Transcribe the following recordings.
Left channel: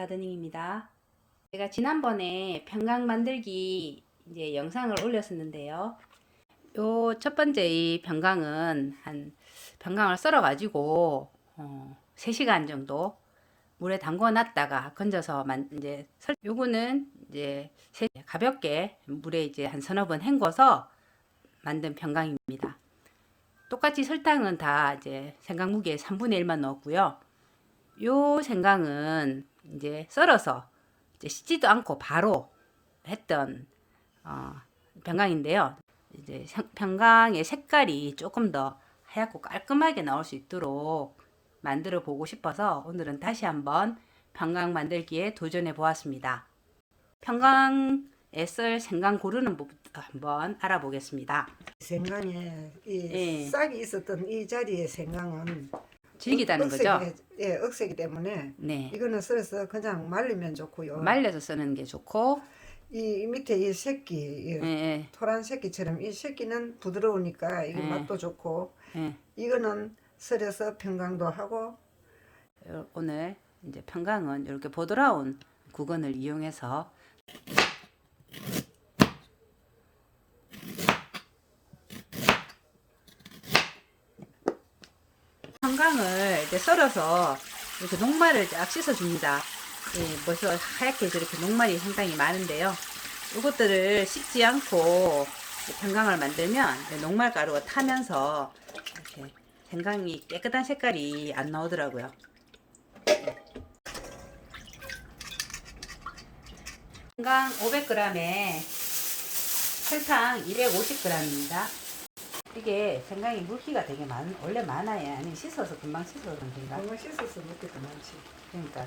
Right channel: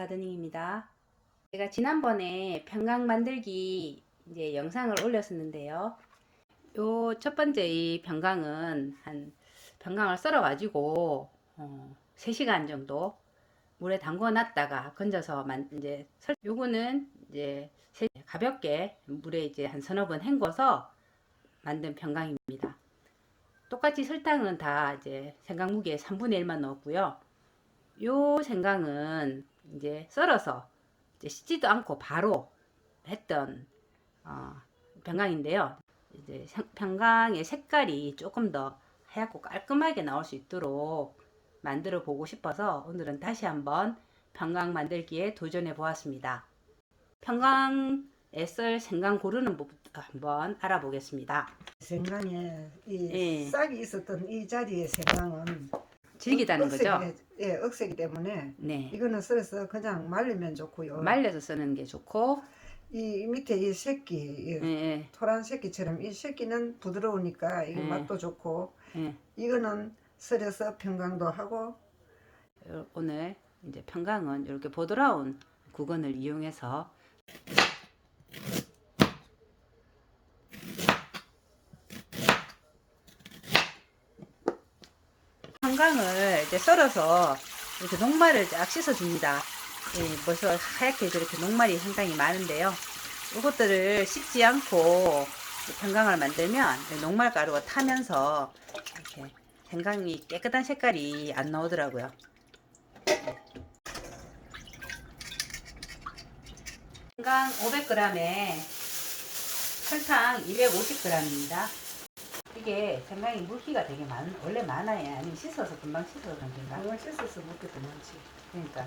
가드닝입니다. 제가 지난번에 평강 만들기 이제 영상을 올렸었는데요. 요 첫 번째 이 평강은 한 평강을 썰어 가지고 어, 3시간 정도 물에 담궈 놨다가 건져서 만 이제 설 요거는 이제 세- 가볍게 물에 이제 한 서너 번 헹궈서 만든 평강입니다. 똑같이 설탕은 다 이제 생강 무게의 3분의 1만 넣었고요. 요 생강은 이제 썰어서 이제 씻지도 않고 바로 했던 어, 평강인데요. 이제 생- 평강의 색깔이 조금 더 하얗고 깔끔하게 나올 수 있도록 만들어 보고 싶어서 오늘은 다시 한번 평강 만들기에 도전해 보았습니다. 평강에 썰 생강 고르는 법부터 한번 알아보겠습니다. 생강에 이 예. 싹이 있었던 이 자리의 생강은 질기다는 거죠? 예, 억세기 때문에 네. 이거는 썰어서 그냥 말리면 좋고요. 말려서 쓰는 게 좋고, 이, 이 밑에 이 새끼, 이 예, 예, 토란 새끼처럼 이 새끼는 부드러우니까 이게 예. 맛도 좋고 예. 이거는 썰어서 평강도 하고 요- 오늘 이제 평강은 이렇게 보드라운 구건을 이용해서 평강을 이제 썰어서 이렇게 녹말을 쫙 씻어줍니다. 예, 벌써 하얗게 저렇게 녹말이 상당히 많은데요. 이것들을 씻지 않고 평강을 만들면 녹말 가루가 타면서 이렇게 생강이 깨끗한 색깔이 안 나오더라고요. 생강 500g에 설탕 250g입니다. 이게 생강이 물기가 되게 많, 원래 많아야 아니 씻어서 금방 씻어서 그런가. 이거 씻어서 먹기도 많지. 그러니까.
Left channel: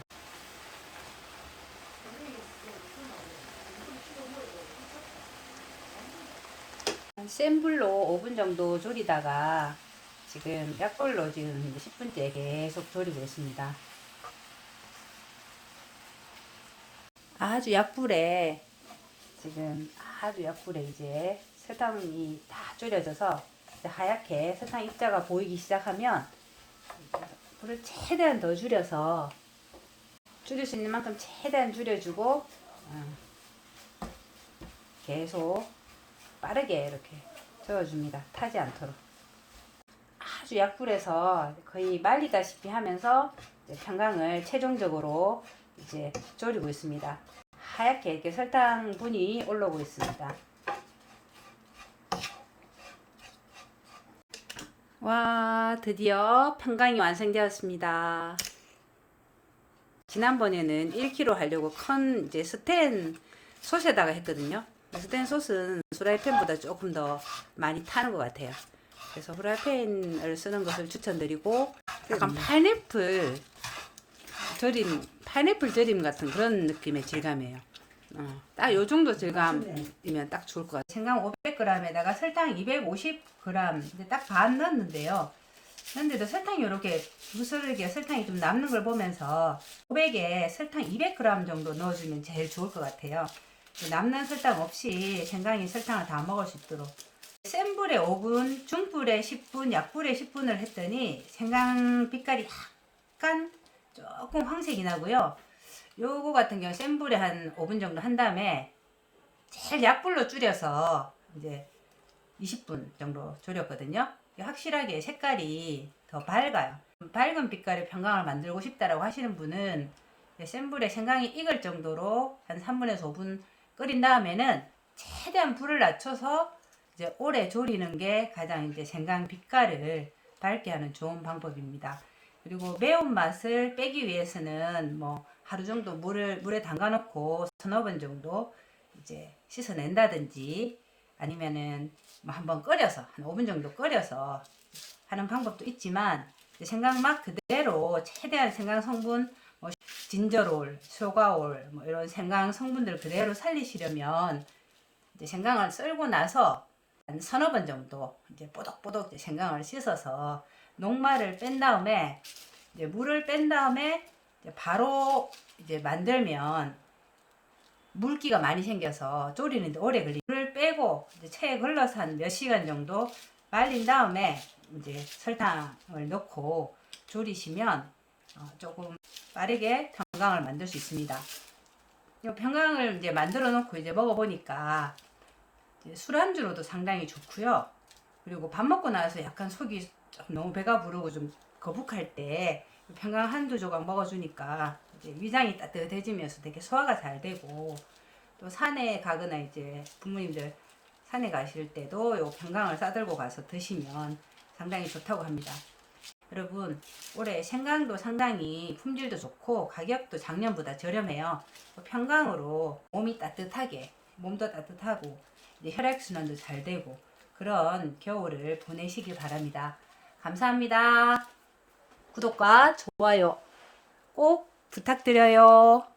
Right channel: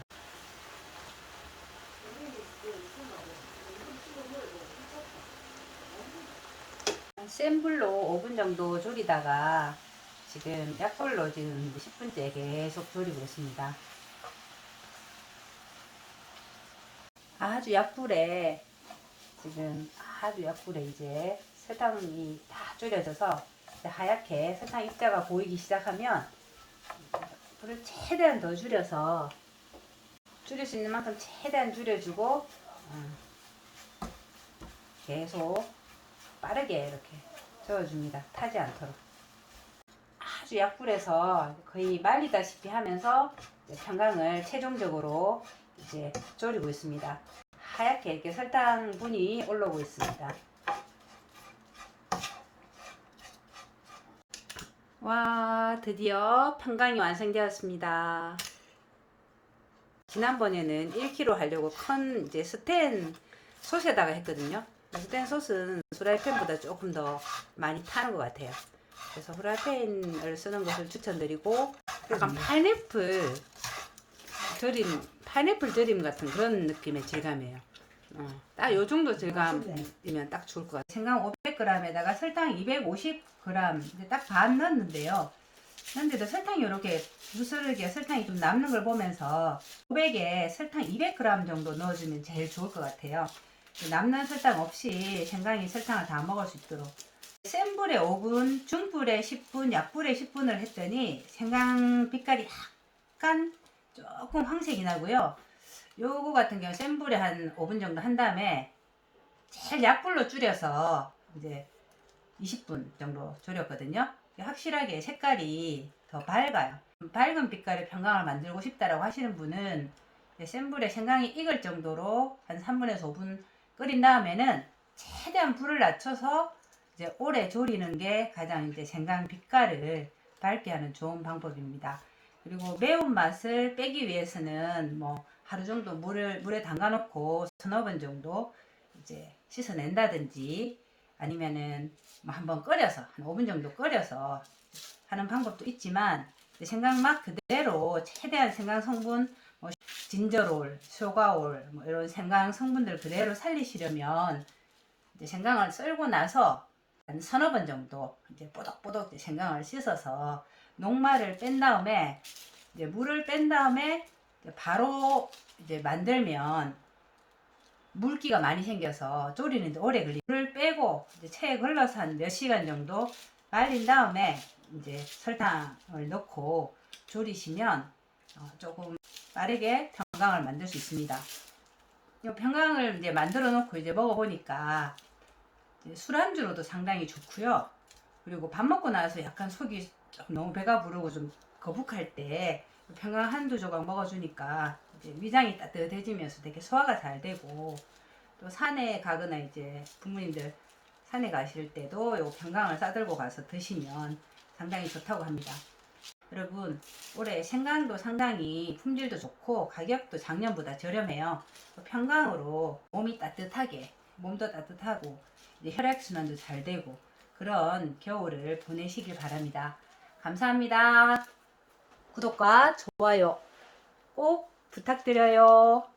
센 불로 5분 정도 졸이다가 지금 약불로 지금 10분째 계속 졸이고 있습니다. 아주 약불에 지금 아주 약불에 이제 설탕이 다 졸여져서 하얗게 설탕 입자가 보이기 시작하면 불을 최대한 더 줄여서 줄일 수 있는 만큼 최대한 줄여주고 음, 계속 빠르게 이렇게 저어줍니다. 타지 않도록. 아주 약불에서 거의 말리다시피 하면서 평강을 최종적으로 이제 졸이고 있습니다. 하얗게 이렇게 설탕 분이 올라오고 있습니다. 드디어 평강이 완성되었습니다. 지난번에는 1kg 하려고 큰 이제 스텐 솥에다가 했거든요. 스텐 솥은 프라이팬보다 조금 더 많이 타는 것 같아요. 그래서 프라이팬을 쓰는 것을 추천드리고 약간 파인애플 절임, 파인애플 절임 같은 그런 느낌의 질감이에요. 어, 딱 요 정도 질감이면 딱 좋을 것 같아요. 생강 500g에다가 설탕 250g, 이제 딱반 넣었는데요. 근데도 설탕이 이렇게 부스르게 설탕이 좀 남는 걸 보면서 500에 설탕 200g 정도 넣어주면 제일 좋을 것 같아요. 남는 설탕 없이 생강이 설탕을 다 먹을 수 있도록 센 불에 5분, 중불에 10분, 약불에 10분을 했더니 생강 빛깔이 약간 조금 황색이 나고요. 요거 같은 경우 센 불에 한 5분 정도 한 다음에 제일 약불로 줄여서 이제 20분 정도 졸였거든요. 확실하게 색깔이 더 밝아요. 밝은 빛깔의 평강을 만들고 싶다라고 하시는 분은 센 불에 생강이 익을 정도로 한 3분에서 5분 끓인 다음에는 최대한 불을 낮춰서 이제 오래 졸이는 게 가장 이제 생강 빛깔을 밝게 하는 좋은 방법입니다. 그리고 매운맛을 빼기 위해서는 뭐 하루 정도 물을 물에 담가 놓고 서너 번 정도 이제 씻어낸다든지 아니면은 뭐 한번 끓여서 한 5분 정도 끓여서 하는 방법도 있지만 이제 생강맛 그대로 최대한 생강 성분 뭐 진저롤, 소가올 뭐 이런 생강 성분들 그대로 살리시려면 이제 생강을 썰고 나서 한 서너 번 정도 이제 뽀독뽀독 이제 생강을 씻어서 녹말을 뺀 다음에 이제 물을 뺀 다음에 이제 바로 이제 만들면 물기가 많이 생겨서 졸이는데 오래 걸리. 물을 빼고 이제 체에 걸러서 한 몇 시간 정도 말린 다음에 이제 설탕을 넣고 졸이시면 어, 조금 빠르게 평강을 만들 수 있습니다. 이 평강을 이제 만들어 놓고 이제 먹어보니까 술안주로도 상당히 좋고요. 그리고 밥 먹고 나서 약간 속이 좀 너무 배가 부르고 좀 거북할 때 평강 한두 조각 먹어주니까 이제 위장이 따뜻해지면서 되게 소화가 잘 되고 또 산에 가거나 이제 부모님들 산에 가실 때도 요 평강을 싸들고 가서 드시면 상당히 좋다고 합니다. 여러분 올해 생강도 상당히 품질도 좋고 가격도 작년보다 저렴해요. 평강으로 몸이 따뜻하게 몸도 따뜻하고 혈액순환도 잘 되고 그런 겨울을 보내시길 바랍니다. 감사합니다. 구독과 좋아요 꼭 부탁드려요.